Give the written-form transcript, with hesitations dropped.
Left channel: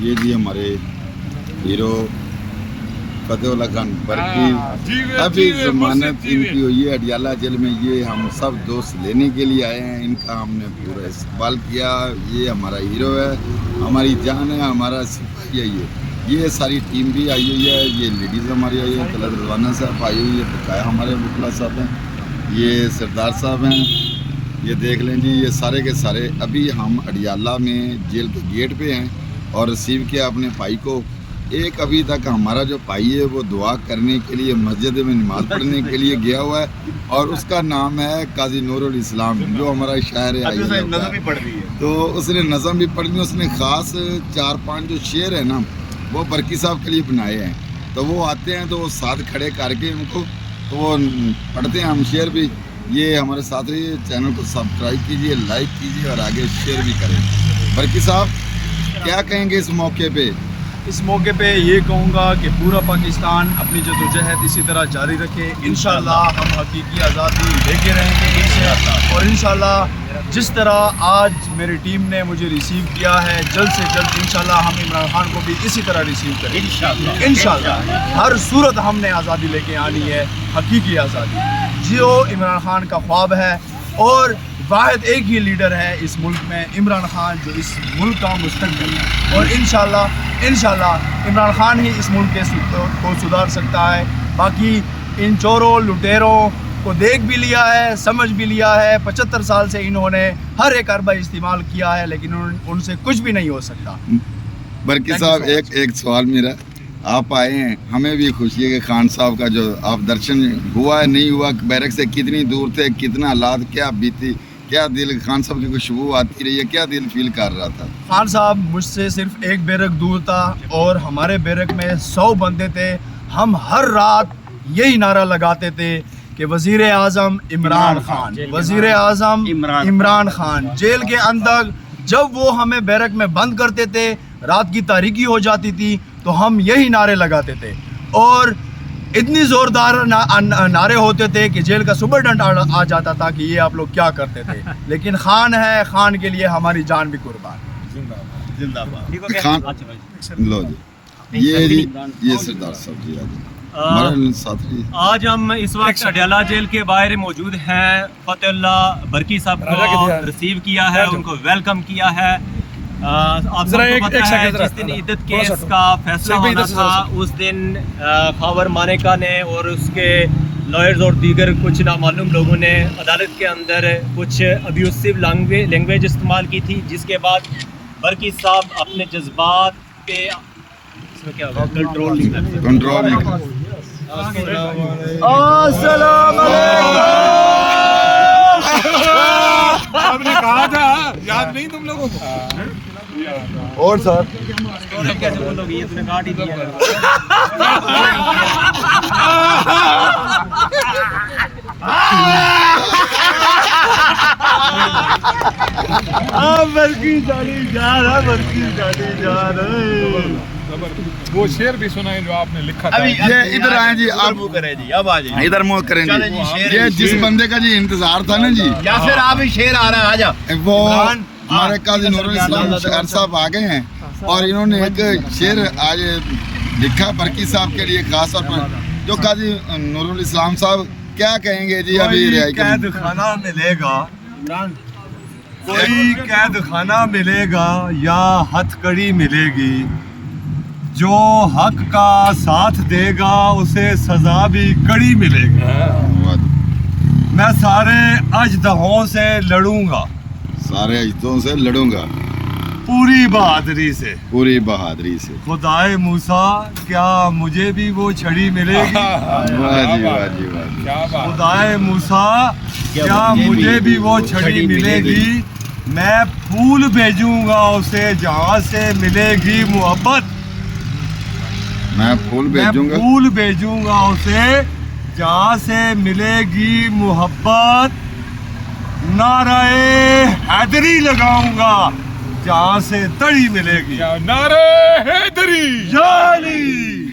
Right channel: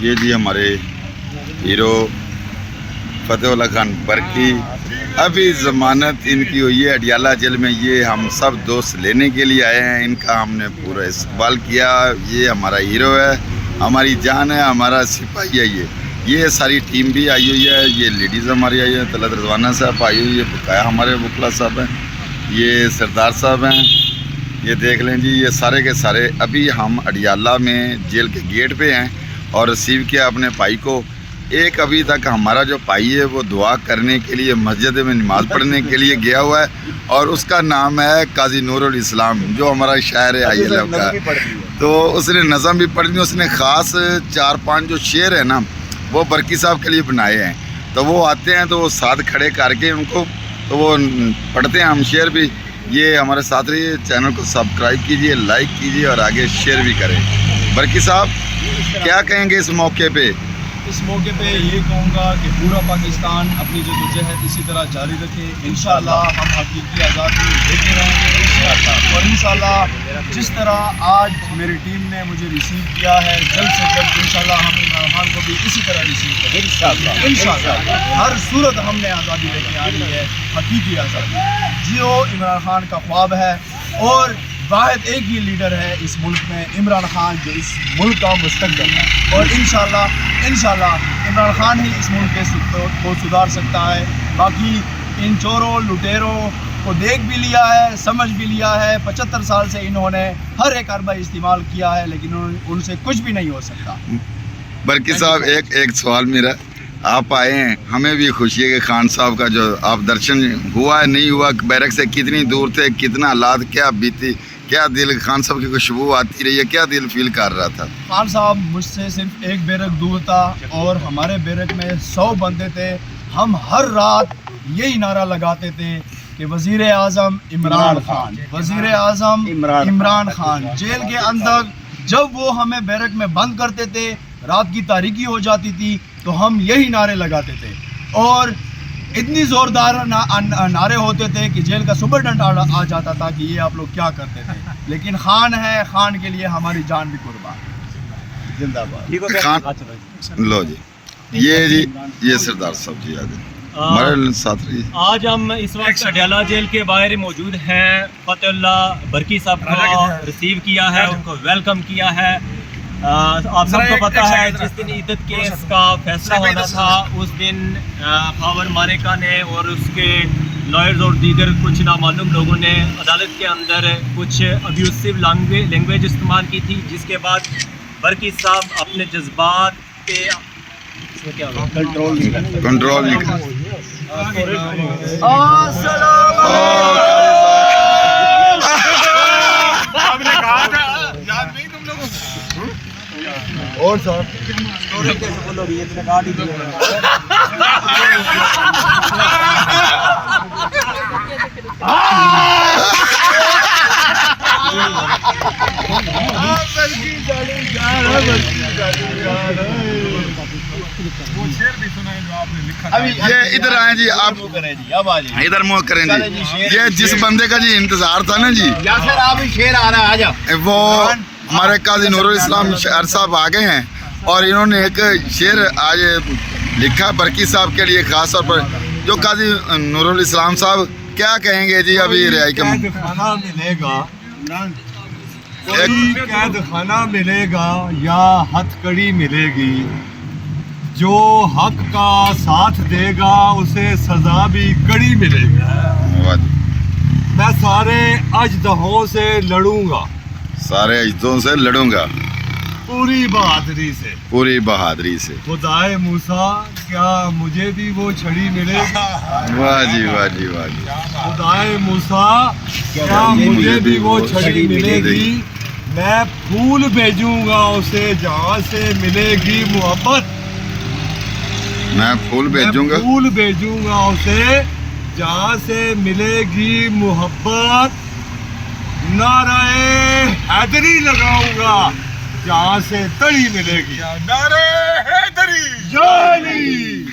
یہ جی ہمارے ہیرو فتح اللہ خان برقی، ابھی ضمانت ان کی ہوئی ہے اڈیالہ جیل میں. یہ ہم سب دوست لینے کے لیے آئے ہیں، ان کا ہم نے پورا استقبال کیا. یہ ہمارا ہیرو ہے، ہماری جان ہے، ہمارا سپاہی ہے. یہ ساری ٹیم بھی آئی ہوئی ہے. یہ لیڈیز ہماری آئی ہے، طلعت رضوانہ صاحب آئی ہوئی ہے، بقایا ہمارے وکلا صاحب ہیں، یہ سردار صاحب ہیں. یہ دیکھ لیں جی، یہ سارے کے سارے. ابھی ہم اڈیالہ میں جیل کے گیٹ پہ ہیں اور ریسیو کیا اپنے بھائی کو. ایک ابھی تک ہمارا جو بھائی ہے وہ دعا کرنے کے لیے مسجد میں نماز پڑھنے کے لیے گیا ہوا ہے، اور اس کا نام ہے قاضی نور الاسلام، جو ہمارا شاعر ہے آئی اللہ کا. تو اس نے نظم بھی پڑھ لی. اس نے خاص 4-5 جو شعر ہیں نا وہ برقی صاحب کے لیے بنائے ہیں. تو وہ آتے ہیں تو وہ ساتھ کھڑے کر کے ان کو تو وہ پڑھتے ہیں. ہم شعر بھی، یہ ہمارے ساتھ رہیے، چینل کو سبسکرائب کیجئے، لائک کیجئے اور آگے شیئر بھی کریں. برقی صاحب کیا کہیں گے اس موقع پہ؟ اس موقع پہ یہ کہوں گا کہ پورا پاکستان اپنی جدوجہد اسی طرح جاری رکھے. انشاءاللہ ہم حقیقی آزادی لے کے رہیں گے انشاءاللہ. اور انشاءاللہ جس طرح آج میری ٹیم نے مجھے ریسیو کیا ہے، جلد سے جلد انشاءاللہ ہم عمران خان کو بھی اسی طرح ریسیو کریں انشاءاللہ. ہر صورت ہم نے آزادی لے کے آنی ہے، حقیقی آزادی جو عمران خان کا خواب ہے. اور واحد ایک ہی لیڈر ہے اس ملک میں، عمران خان، جو اس ملک کا مستقبل ہے. اور انشاءاللہ عمران خان ہی اس ملک کو سدھار سکتا ہے. باقی ان چوروں لٹیروں کو دیکھ بھی لیا ہے، سمجھ بھی لیا ہے. 75 سال سے انہوں نے ہر ایک اربہ استعمال کیا ہے، لیکن ان سے کچھ بھی نہیں ہو سکتا. برقی صاحب ایک سوال میرا، آپ آئے ہیں، ہمیں بھی خوشی ہے کہ خان صاحب کا جو آپ درشن ہوا ہے نہیں ہوا، بیرک سے کتنی دور تھے، کتنا حالات کیا بیتی، کیا دل خان صاحب کی خوشبو آتی رہی ہے، کیا دل فیل کر رہا تھا؟ خان صاحب مجھ سے صرف ایک بیرک دور تھا اور ہمارے بیرک میں 100 بندے تھے. ہم ہر رات یہی نعرہ لگاتے تھے کہ وزیر اعظم عمران خان، وزیر اعظم عمران خان. جیل کے اندر جب وہ ہمیں بیرک میں بند کرتے تھے، رات کی تاریکی ہو جاتی تھی، تو ہم یہی نعرے لگاتے تھے. اور اتنی زوردار نعرے ہوتے تھے کہ جیل کا سپرڈنٹ آ جاتا تھا کہ یہ آپ لوگ کیا کرتے تھے. لیکن خان ہے، خان کے لیے ہماری جان بھی قربان. زندہ باد خان. لو جی، یہ سردار صاحب جی آگے ہمارے ساتھ رہیے. آج ہم اس وقت اڈیالہ جیل کے باہر موجود ہیں. فتح اللہ برقی صاحب کو ریسیو کیا ہے، ان کو ویلکم کیا ہے. آپ سب کو پتہ ہے جس دن عدت کیس کا فیصلہ ہونا تھا، اس دن خاور مانیکا نے اور اس کے لائرز اور دیگر کچھ نامعلوم لوگوں نے عدالت کے اندر کچھ ابیوسو لینگویج استعمال کی تھی، جس کے بعد برقی صاحب اپنے جذبات پہ کنٹرول اور سر کیسے بولو گے، یہ کاٹ ہی دیا ہے. وہ شعر بھی سنا ہے جو آپ نے لکھا تھا. یہ ادھر آئیں جی، آپ اب آ جائیے ادھر منہ کریں جی. یہ جس بندے کا جی انتظار تھا نا جی، یا پھر آپ ہی شعر آ رہا ہے، آ جاؤ. وہ ہمارے قاضی نور الاسلام شاعر صاحب آگے ہیں اور انہوں نے ایک شعر آج لکھا برقی صاحب کے لیے خاص طور پر. جو قاضی نور الاسلام صاحب کیا کہیں گے جی؟ ابھی رہائی کا قید خانہ ملے گا، کوئی قید خانہ ملے گا یا ہتھ کڑی ملے گی، جو حق کا ساتھ دے گا اسے سزا بھی کڑی ملے گی. میں سارے اژدہوں سے لڑوں گا، سارے اجدوں سے لڑوں گا پوری بہادری سے، پوری بہادری سے. خدائے موسیٰ کیا مجھے بھی وہ چھڑی ملے گی؟ واہ جی واہ جی واہ جی. خدائے موسیٰ کیا مجھے بھی وہ چھڑی ملے گی؟ میں پھول بھیجوں گا اسے جہاں سے ملے گی محبت. میں پھول بھیجوں گا، پھول بھیجوں گا اسے جہاں سے ملے گی محبت. نعرہ حیدری لگاؤں گا جہاں سے تڑی ملے گی. نعرے حیدری. یا علی.